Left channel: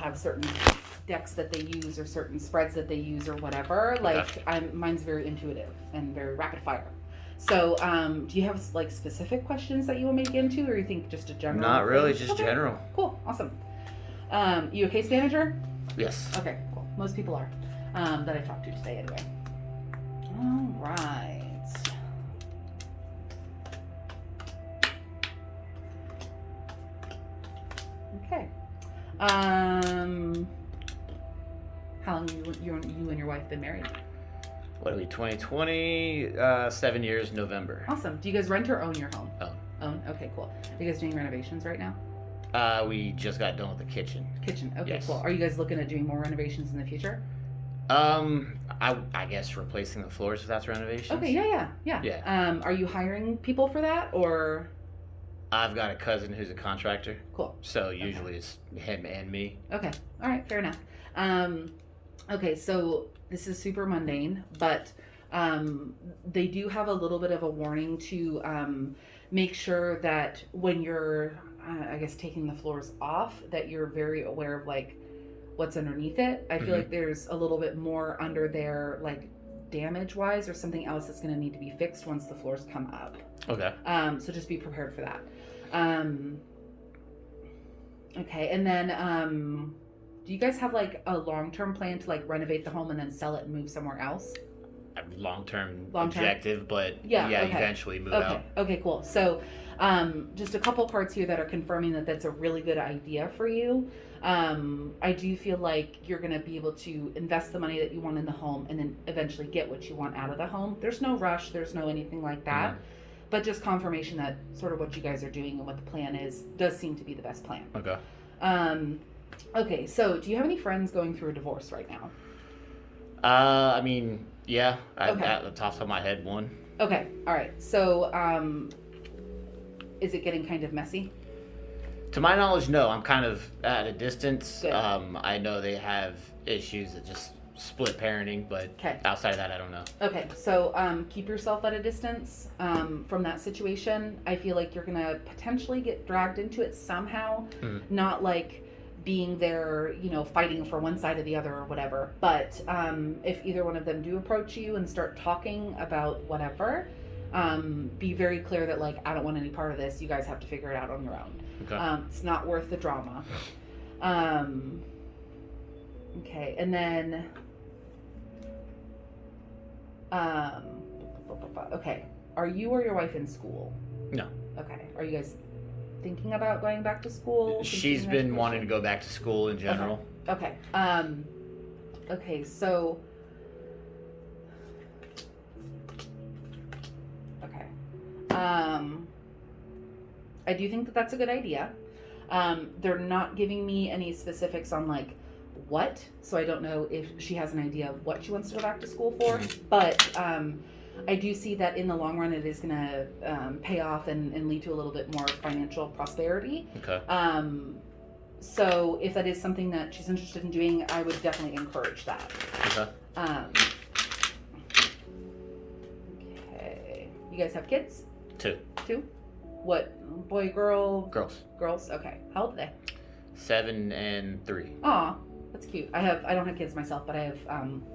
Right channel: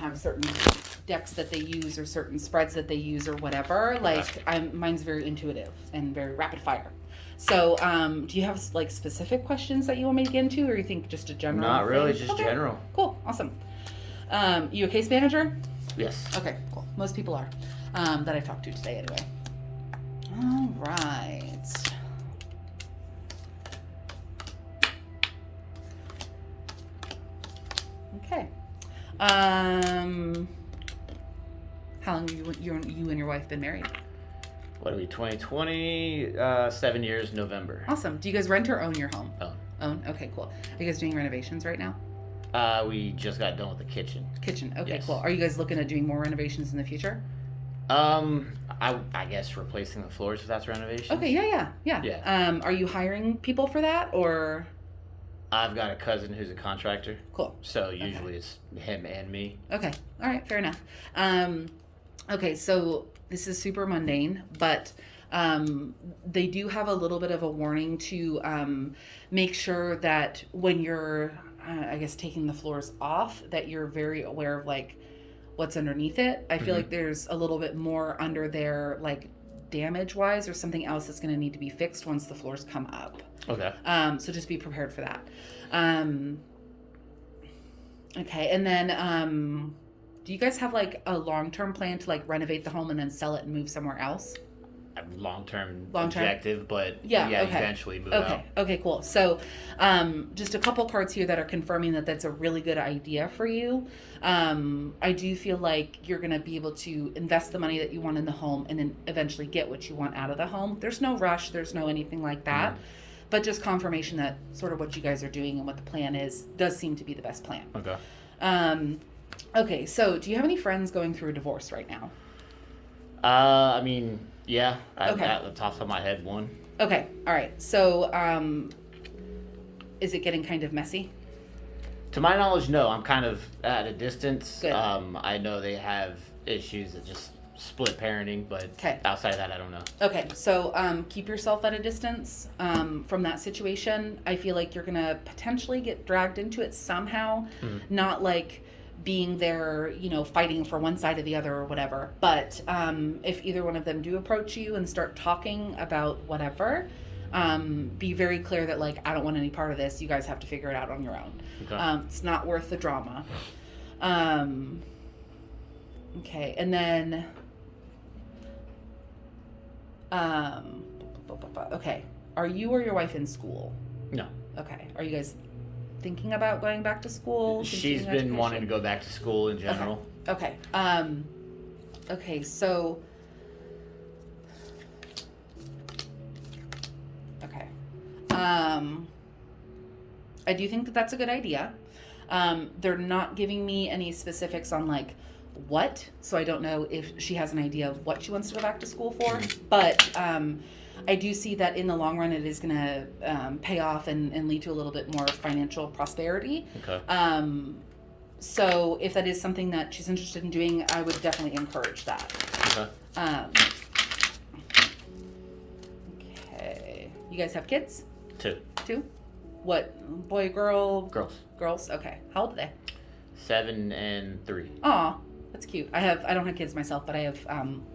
have certain decks that they use or certain spreads that they use or whatever. Like, mine's very intuitive and very rapid fire. So, do you have like specific questions that you want me to get into, or you think just a general? Not really, just general. Cool, awesome. You a case manager? Yes. Okay, cool. Most people are that I've talked to today, anyway. All right. Okay. How long have you and your wife been married? What are we, 2020? 7 years, November. Awesome. Do you guys rent or own your home? Own. Okay, cool. Are you guys doing renovations right now? We just got done with the kitchen. Okay, yes. Cool. Are you guys looking at doing more renovations in the future? I guess replacing the floors if that's renovation. Okay, yeah. Are you hiring people for that, or? I've got a cousin who's a contractor. Cool. So usually it's him and me. Okay. All right. Fair enough. Okay. So this is super mundane, but they do have a little bit of a warning to make sure that when you're, I guess, taking the floors off, that you're very aware of like what's underneath it. I feel like there's a little bit more under there, like damage wise, or something else that's going to need to be fixed once the floors come up. Okay. So just be prepared for that. Okay. And then, do you guys have like a long-term plan to like renovate the home and then sell it and move somewhere else? Long-term objective, but okay. Eventually move out. Okay, cool. So, just a couple cards here that are confirming that that's a really good idea for you. I do feel like you're going to be able to invest the money that you want in the home and then eventually get what you want out of the home. There's no rush. There's no anything like that. But just confirmation that sort of what you guys are doing and what the plan is does seem to be the best plan. Okay. Okay, so do you have any friends going through a divorce right now? I mean, yeah. Okay. At the top of my head, one. Okay, all right. So, is it getting kind of messy? To my knowledge, no. I'm kind of at a distance. Good. I know they have issues that just split parenting, but outside of that, I don't know. Okay, so keep yourself at a distance from that situation. I feel like you're gonna potentially get dragged into it somehow, not like being there, fighting for one side or the other or whatever. But if either one of them do approach you and start talking about whatever, be very clear that like, I don't want any part of this. You guys have to figure it out on your own. Okay. It's not worth the drama. Okay, and then okay, are you or your wife in school? No. Okay, are you guys thinking about going back to school? She's been wanting to go back to school in general. Okay. Okay, so okay. I do think that that's a good idea. They're not giving me any specifics on like what, so I don't know if she has an idea of what she wants to go back to school for, but I do see that in the long run it is going to pay off and lead to a little bit more financial prosperity. Okay. So if that is something that she's interested in doing, I would definitely encourage that. Okay. Okay. You guys have kids? Two. What? Boy, girl? Girls. Girls? Okay. How old are they? 7 and 3. Aw, that's cute. I don't have kids myself, but I have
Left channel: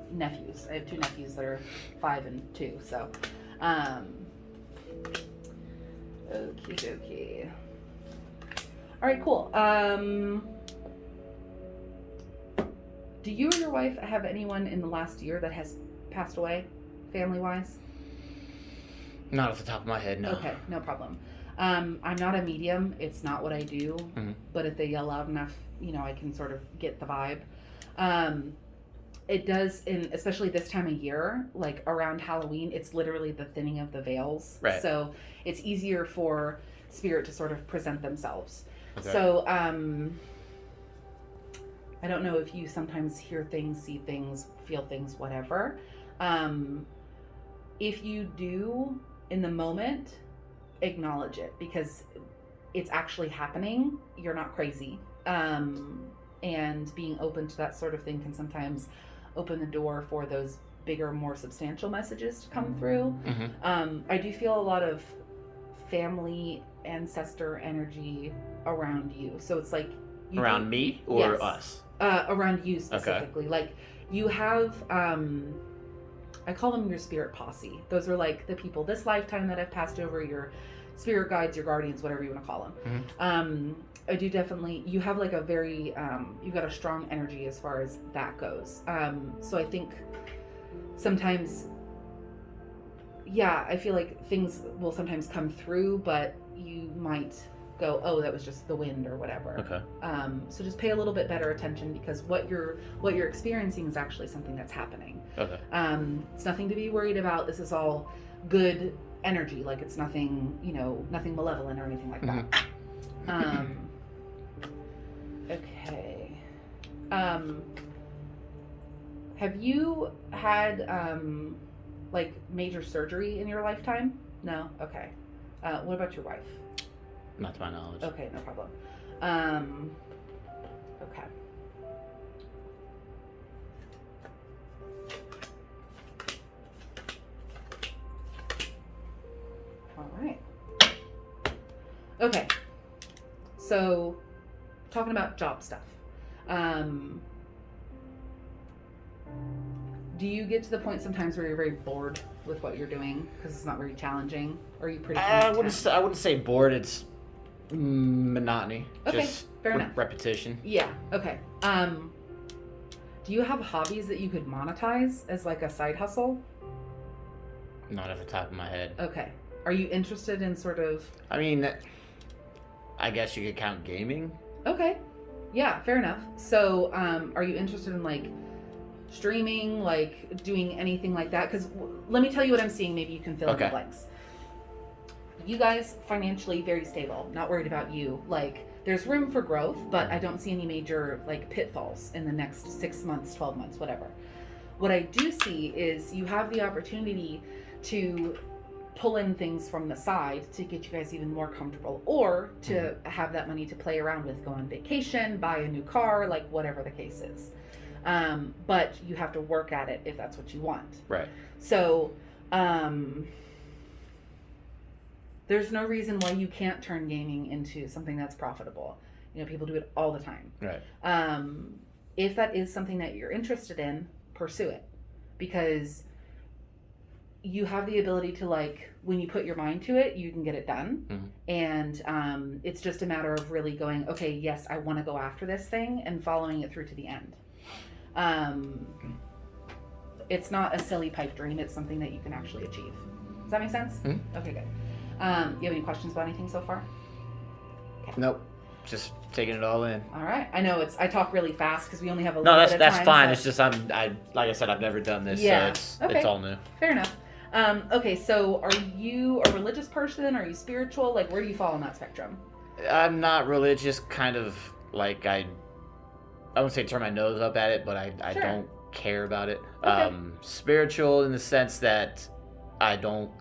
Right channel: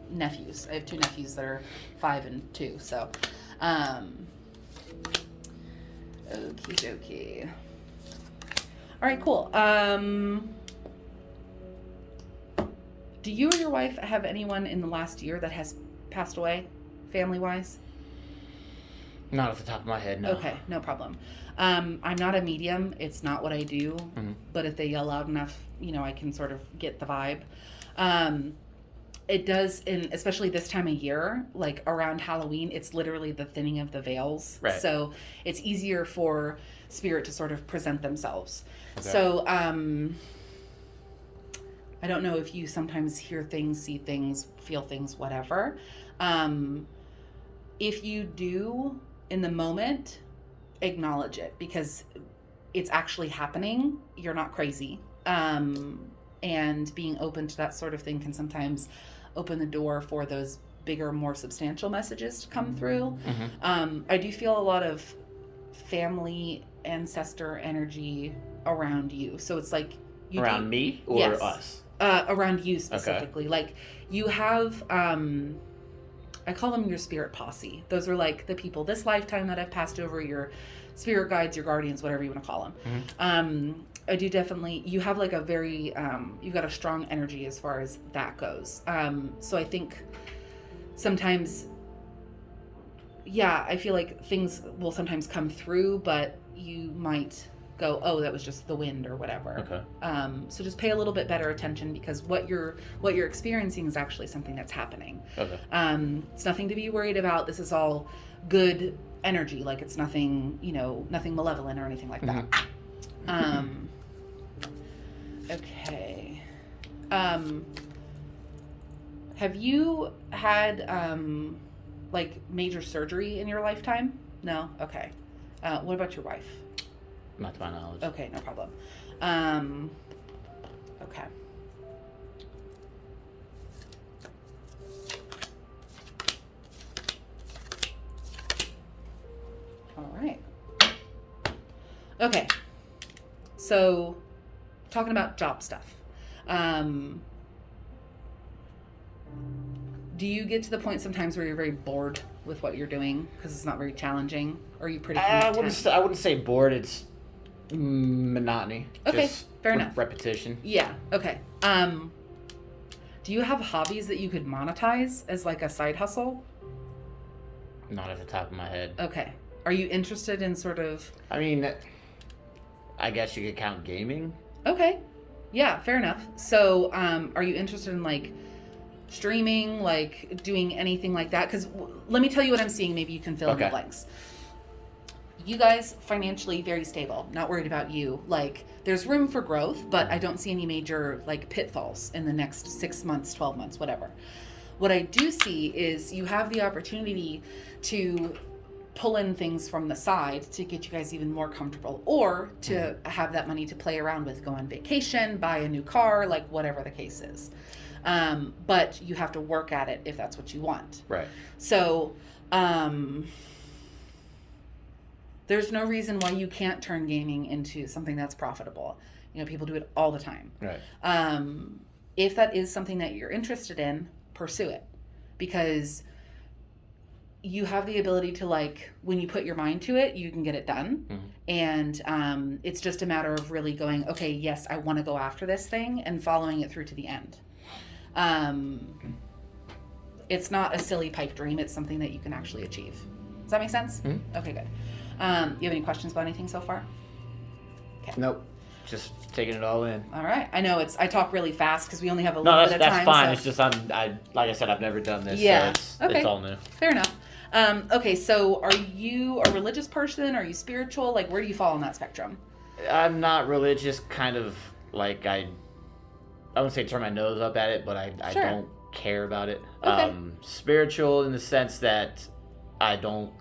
nephews. I have 2 nephews that are 5 and 2. So, okie dokie. All right, cool. Do you or your wife have anyone in the last year that has passed away, family-wise? Not off the top of my head, no. Okay, no problem. I'm not a medium. It's not what I do. But if they yell loud enough, I can sort of get the vibe. It does, especially this time of year, like around Halloween, it's literally the thinning of the veils. Right. So it's easier for spirit to sort of present themselves. Okay. So I don't know if you sometimes hear things, see things, feel things, whatever. If you do in the moment, acknowledge it because it's actually happening. You're not crazy. And being open to that sort of thing can sometimes open the door for those bigger, more substantial messages to come through. I do feel a lot of family, ancestor energy around you. So it's like... Around me or yes. us? Around you specifically. Okay. Like, you have, I call them your spirit posse. Those are like the people this lifetime that I've passed over, your spirit guides, your guardians, whatever you want to call them. Mm-hmm. I do definitely, you have like a very, you've got a strong energy as far as that goes. So I think sometimes, yeah, I feel like things will sometimes come through, but you might go, oh, that was just the wind or whatever. Okay. So just pay a little bit better attention, because what you're experiencing is actually something that's happening. Okay. It's nothing to be worried about. This is all good energy. Like, it's nothing, nothing malevolent or anything like that. Mm-hmm. Okay. Have you had like major surgery in your lifetime? No? Okay. What about your wife? Not to my knowledge. Okay, no problem. Okay. All right. Okay. So, talking about job stuff. Do you get to the point sometimes where you're very bored with what you're doing because it's not very challenging? Or are you pretty content? I wouldn't say bored. It's monotony. Okay, just fair enough. Repetition. Yeah. Okay. Do you have hobbies that you could monetize as like a side hustle? Not at the top of my head. Okay. Are you interested in sort of? I mean, I guess you could count gaming. Okay. Yeah, fair enough. So, are you interested in like streaming, like doing anything like that? Because let me tell you what I'm seeing. Maybe you can fill in the blanks. You guys financially very stable. Not worried about you. Like, there's room for growth, but I don't see any major like pitfalls in the next 6 months, 12 months, whatever. What I do see is you have the opportunity to pull in things from the side to get you guys even more comfortable, or to have that money to play around with, go on vacation, buy a new car, like whatever the case is. But you have to work at it if that's what you want. Right. So, there's no reason why you can't turn gaming into something that's profitable. People do it all the time. Right. If that is something that you're interested in, pursue it, because you have the ability to, like, when you put your mind to it, you can get it done. Mm-hmm. And it's just a matter of really going, okay, yes, I want to go after this thing, and following it through to the end. It's not a silly pipe dream. It's something that you can actually achieve. Does that make sense? Mm-hmm. Okay, good. You have any questions about anything so far? Okay. Nope. Just taking it all in. All right. I know I talk really fast because we only have a little bit of time. No, that's fine. So. It's just like I said, I've never done this, so it's all new. Fair enough. Okay, so are you a religious person? Are you spiritual? Like, where do you fall on that spectrum? I'm not religious. Kind of like I wouldn't say turn my nose up at it, but I don't care about it. Okay. Spiritual in the sense that I don't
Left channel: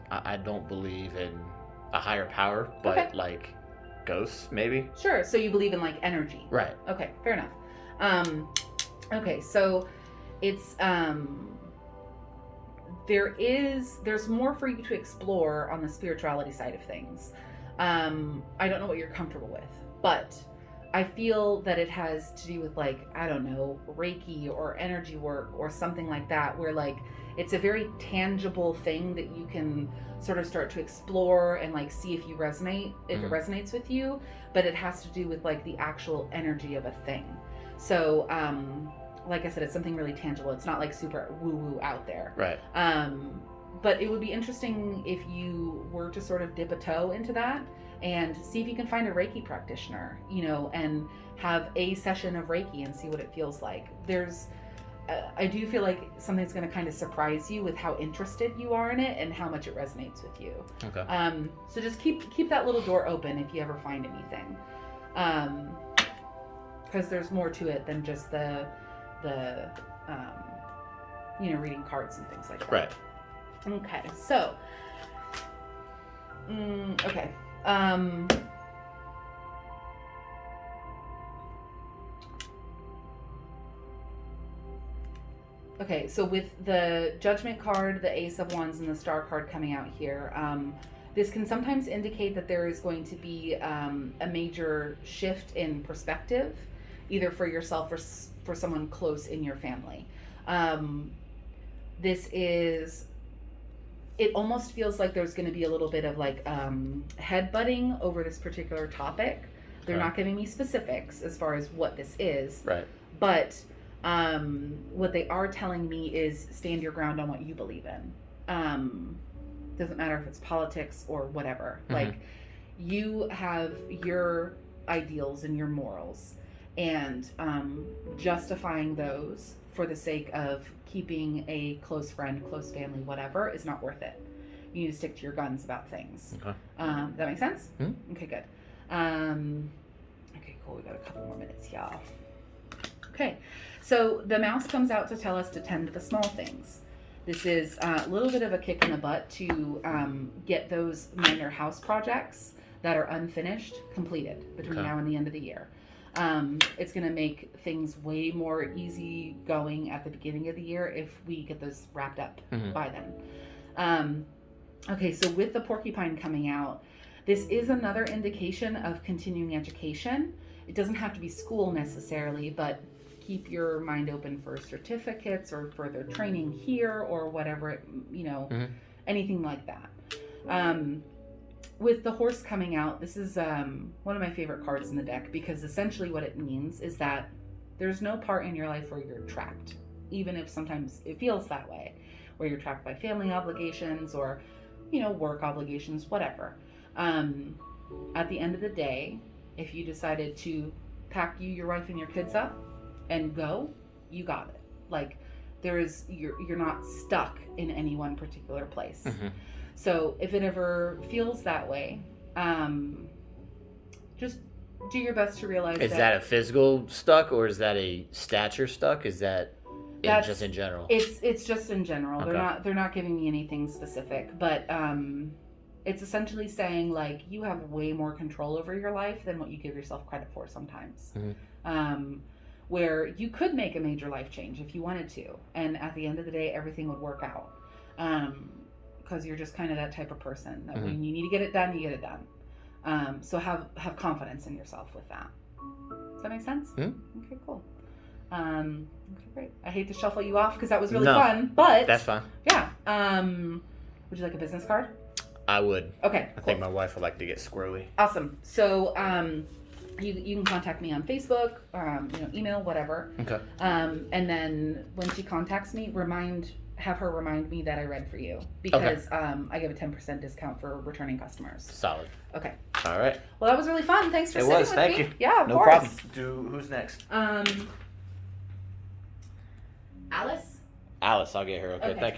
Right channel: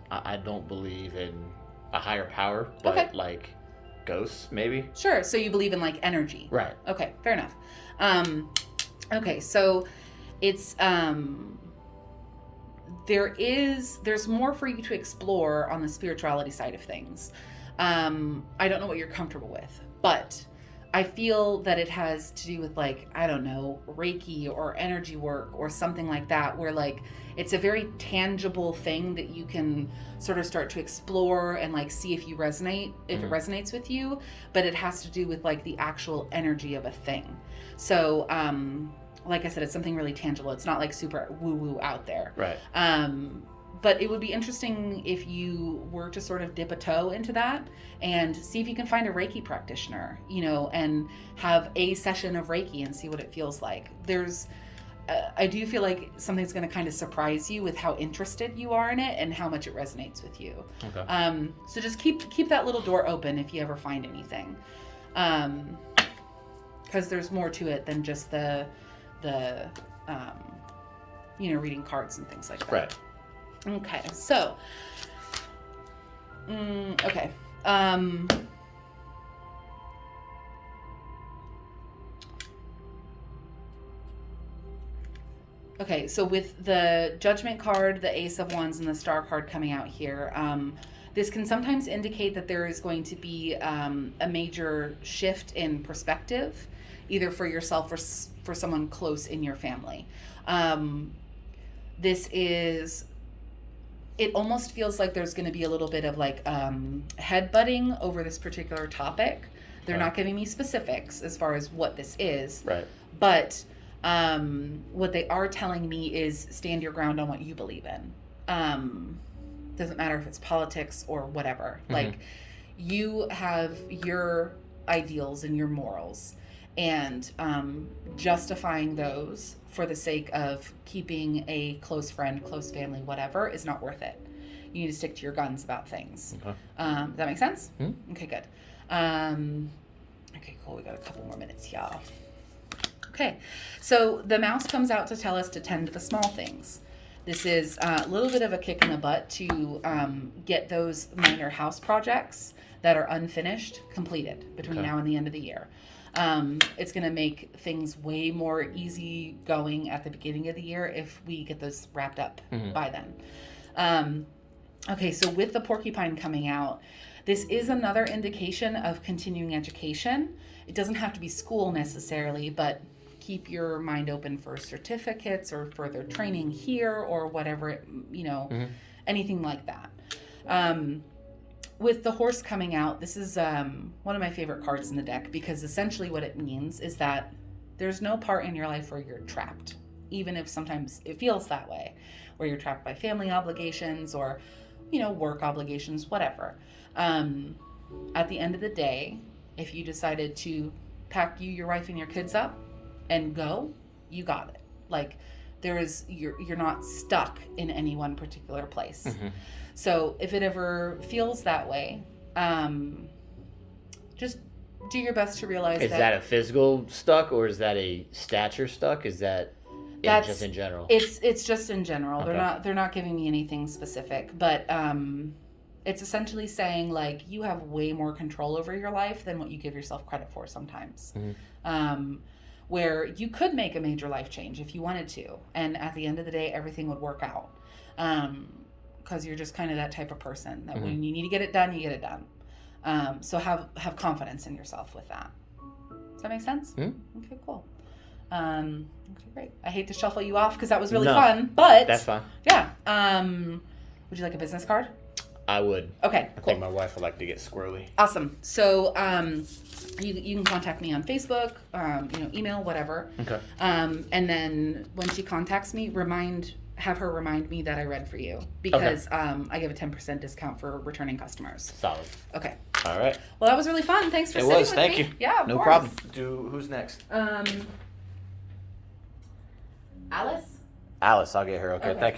believe in a higher power, but like ghosts maybe. Sure. So you believe in like energy. Right. Okay. Fair enough. Okay. So it's there's more for you to explore on the spirituality side of things. I don't know what you're comfortable with, but I feel that it has to do with, like, I don't know, Reiki or energy work or something like that, where like it's a very tangible thing that you can sort of start to explore and like see if it resonates with you, but it has to do with like the actual energy of a thing. So like I said, it's something really tangible. It's not like super woo-woo out there. Right. But it would be interesting if you were to sort of dip a toe into that and see if you can find a Reiki practitioner, and have a session of Reiki and see what it feels like. I do feel like something's going to kind of surprise you with how interested you are in it and how much it resonates with you. Okay. So just keep that little door open if you ever find anything. Because there's more to it than just the reading cards and things like that. Right. Okay, so, okay. Okay, so with the Judgment card, the Ace of Wands, and the Star card coming out here, this can sometimes indicate that there is going to be a major shift in perspective either for yourself or for someone close in your family. This is, it almost feels like there's going to be a little bit of like headbutting over this particular topic. They're not giving me specifics as far as what this is. Right. But what they are telling me is stand your ground on what you believe in. Doesn't matter if it's politics or whatever. Mm-hmm. Like, you have your ideals and your morals, and justifying those for the sake of keeping a close friend, close family, whatever, is not worth it. You need to stick to your guns about things. Okay. Does that make sense? Mm-hmm. Okay, good. Okay, cool. We got a couple more minutes, y'all. Okay, so the mouse comes out to tell us to tend to the small things. This is a little bit of a kick in the butt to get those minor house projects that are unfinished completed between now and the end of the year. It's going to make things way more easy going at the beginning of the year if we get those wrapped up by then. Okay, so with the Porcupine coming out, this is another indication of continuing education. It doesn't have to be school necessarily, but keep your mind open for certificates or further training here or whatever, anything like that. With the horse coming out, this is one of my favorite cards in the deck, because essentially what it means is that there's no part in your life where you're trapped, even if sometimes it feels that way, where you're trapped by family obligations or, work obligations, whatever. At the end of the day, if you decided to pack you, your wife, and your kids up and go, you got it. Like, you're not stuck in any one particular place. Mm-hmm. So if it ever feels that way, just do your best to realize is that a physical stuck, or is that a stature stuck? Is that just in general? It's just in general. Okay. They're not giving me anything specific, but it's essentially saying, like, you have way more control over your life than what you give yourself credit for sometimes. Mm-hmm. Where you could make a major life change if you wanted to, and at the end of the day, everything would work out. Because you're just kind of that type of person that when you need to get it done, you get it done. So have confidence in yourself with that. Does that make sense? Mm-hmm. Okay, cool. Okay, great. I hate to shuffle you off because that was really fun, but that's fine. Yeah. Would you like a business card? I would. Okay. I think my wife would like to get squirrely. Awesome. So you can contact me on Facebook, email, whatever. Okay. And then when she contacts me, have her remind me that I read for you, because I give a 10% discount for returning customers. Solid. Okay. All right. Well, that was really fun. Thanks for sitting with me. Thank you. Yeah, of course. No problem. Who's next? Alice? Alice, I'll get her. Okay, thank you.